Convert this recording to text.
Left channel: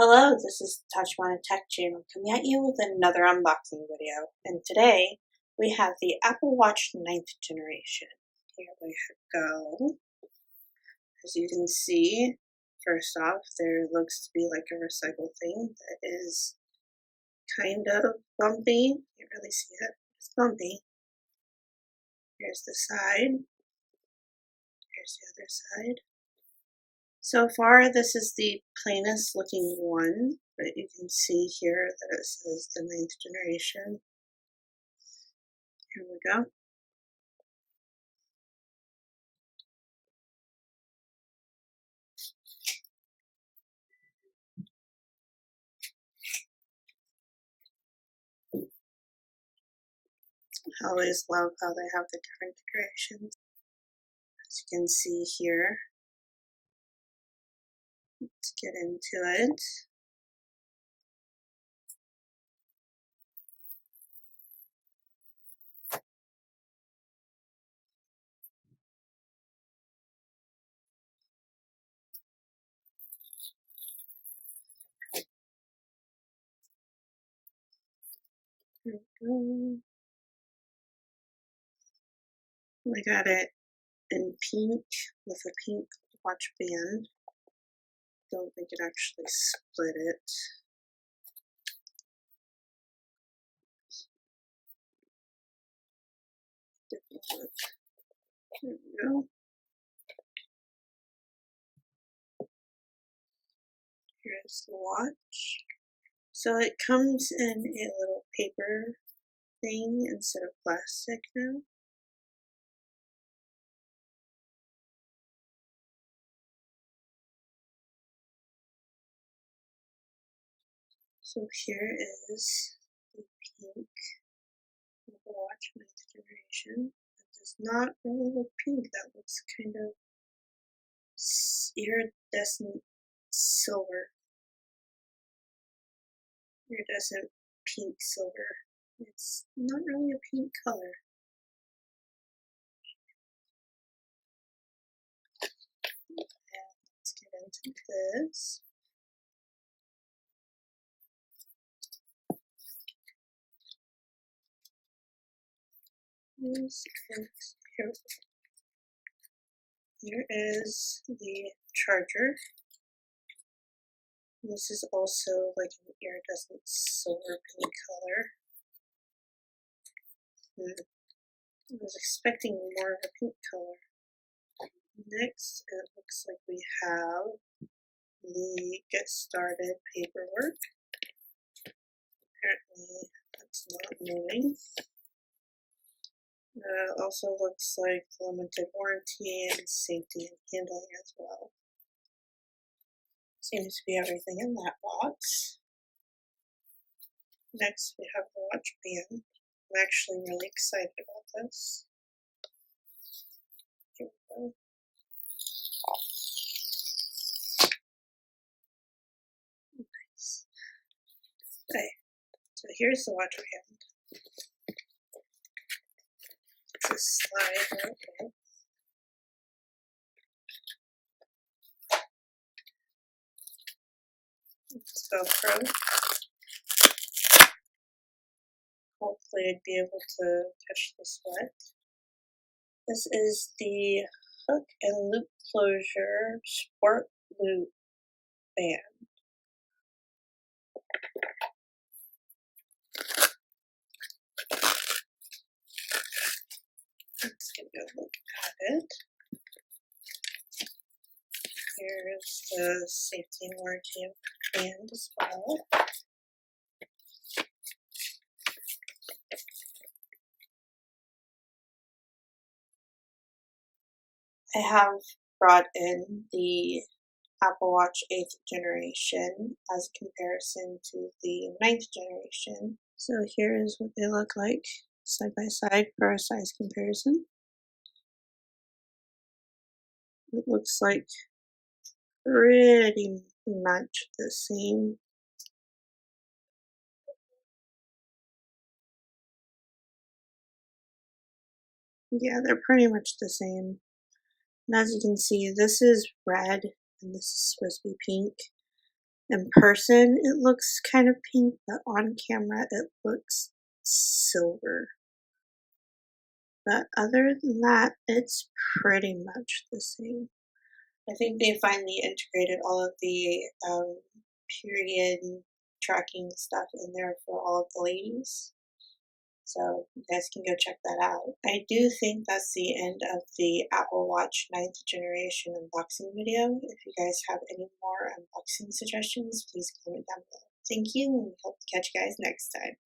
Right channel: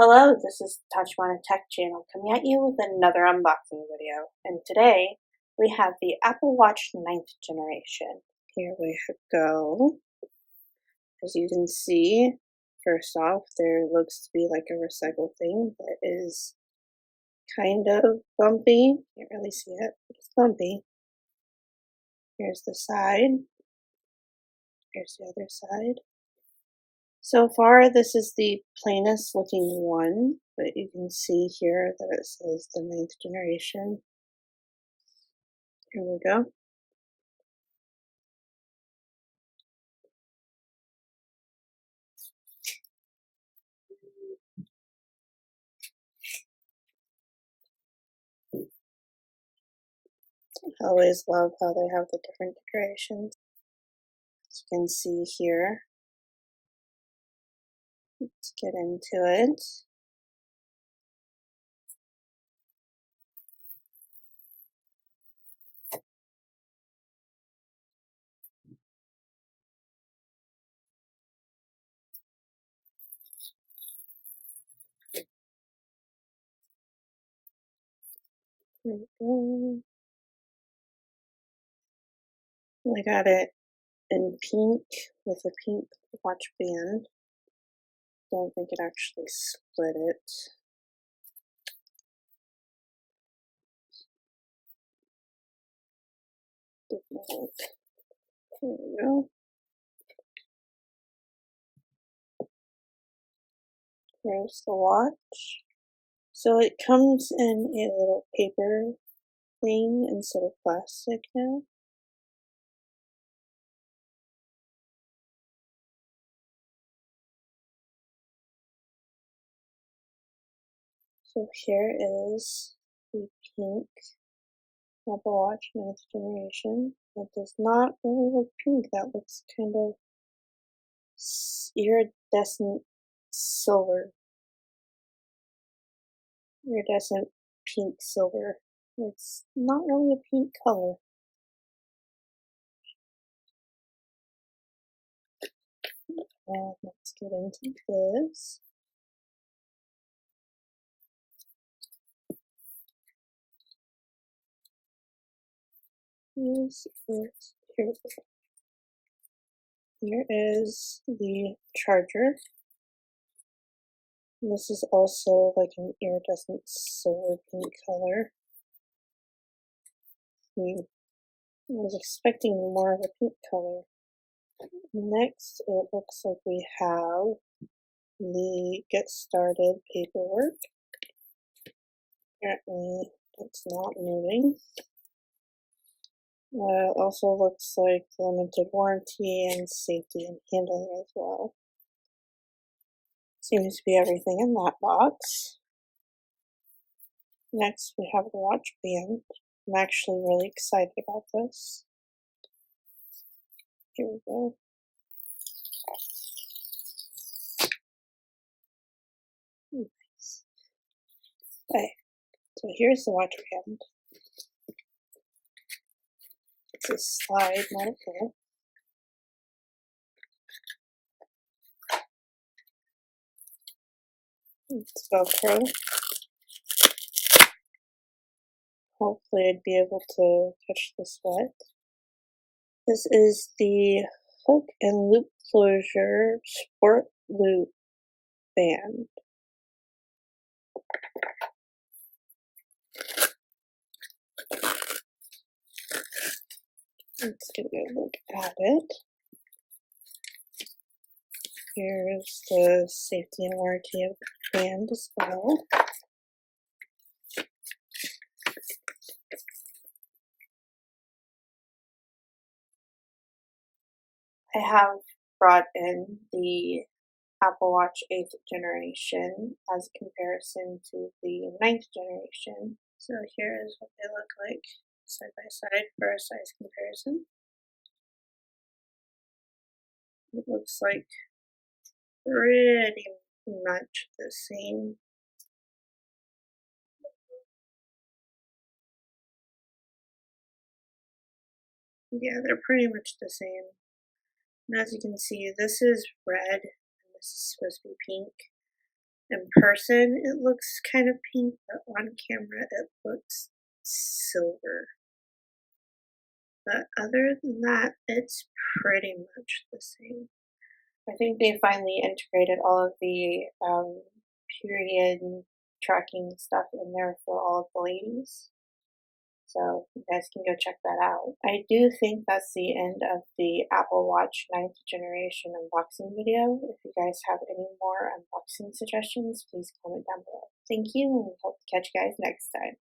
Hello, this is Tachibana Tech Channel coming at you with another unboxing video. And today we have the Apple Watch 9th generation. Here we go. As you can see, first off, there looks to be like a recycled thing that is kind of bumpy. Can't really see it, but it's bumpy. Here's the side. Here's the other side. So far, this is the plainest looking one, but you can see here that it says the 9th generation. Here we go. I always love how they have the different decorations. As you can see here, let's get into it. Here we go. I got it in pink with a pink watch band. Don't think it actually split it. Different look. Here we go. Here's the watch. So it comes in a little paper thing instead of plastic now. So here is the pink Apple Watch 9th generation. That does not really look pink. That looks kind of iridescent silver. Iridescent pink silver. It's not really a pink color. And let's get into this. Here is the charger. This is also like an iridescent silver pink color. I was expecting more of a pink color. Next, it looks like we have the get started paperwork. Apparently, it's not moving. Also looks like limited warranty and safety and handling as well. Seems to be everything in that box. Next, we have the watch band. I'm actually really excited about this. Here we go. Nice. Okay, so here's the watch band. It's a slide right here. It's Velcro. Hopefully I'd be able to catch the sweat. This is the hook and loop closure sport loop band. Let's give you a look at it. Here's the safety and warranty of the band as well. I have brought in the Apple Watch 8th generation as a comparison to the 9th generation. So here is what they look like side by side for a size comparison. It looks like pretty much the same. Yeah, they're pretty much the same. And as you can see, this is red and this is supposed to be pink. In person, it looks kind of pink, but on camera, it looks silver. But other than that, it's pretty much the same. I think they finally integrated all of the period tracking stuff in there for all of the ladies. So you guys can go check that out. I do think that's the end of the Apple Watch 9th generation unboxing video. If you guys have any more unboxing suggestions, please comment down below. Thank you, and we hope to catch you guys next time.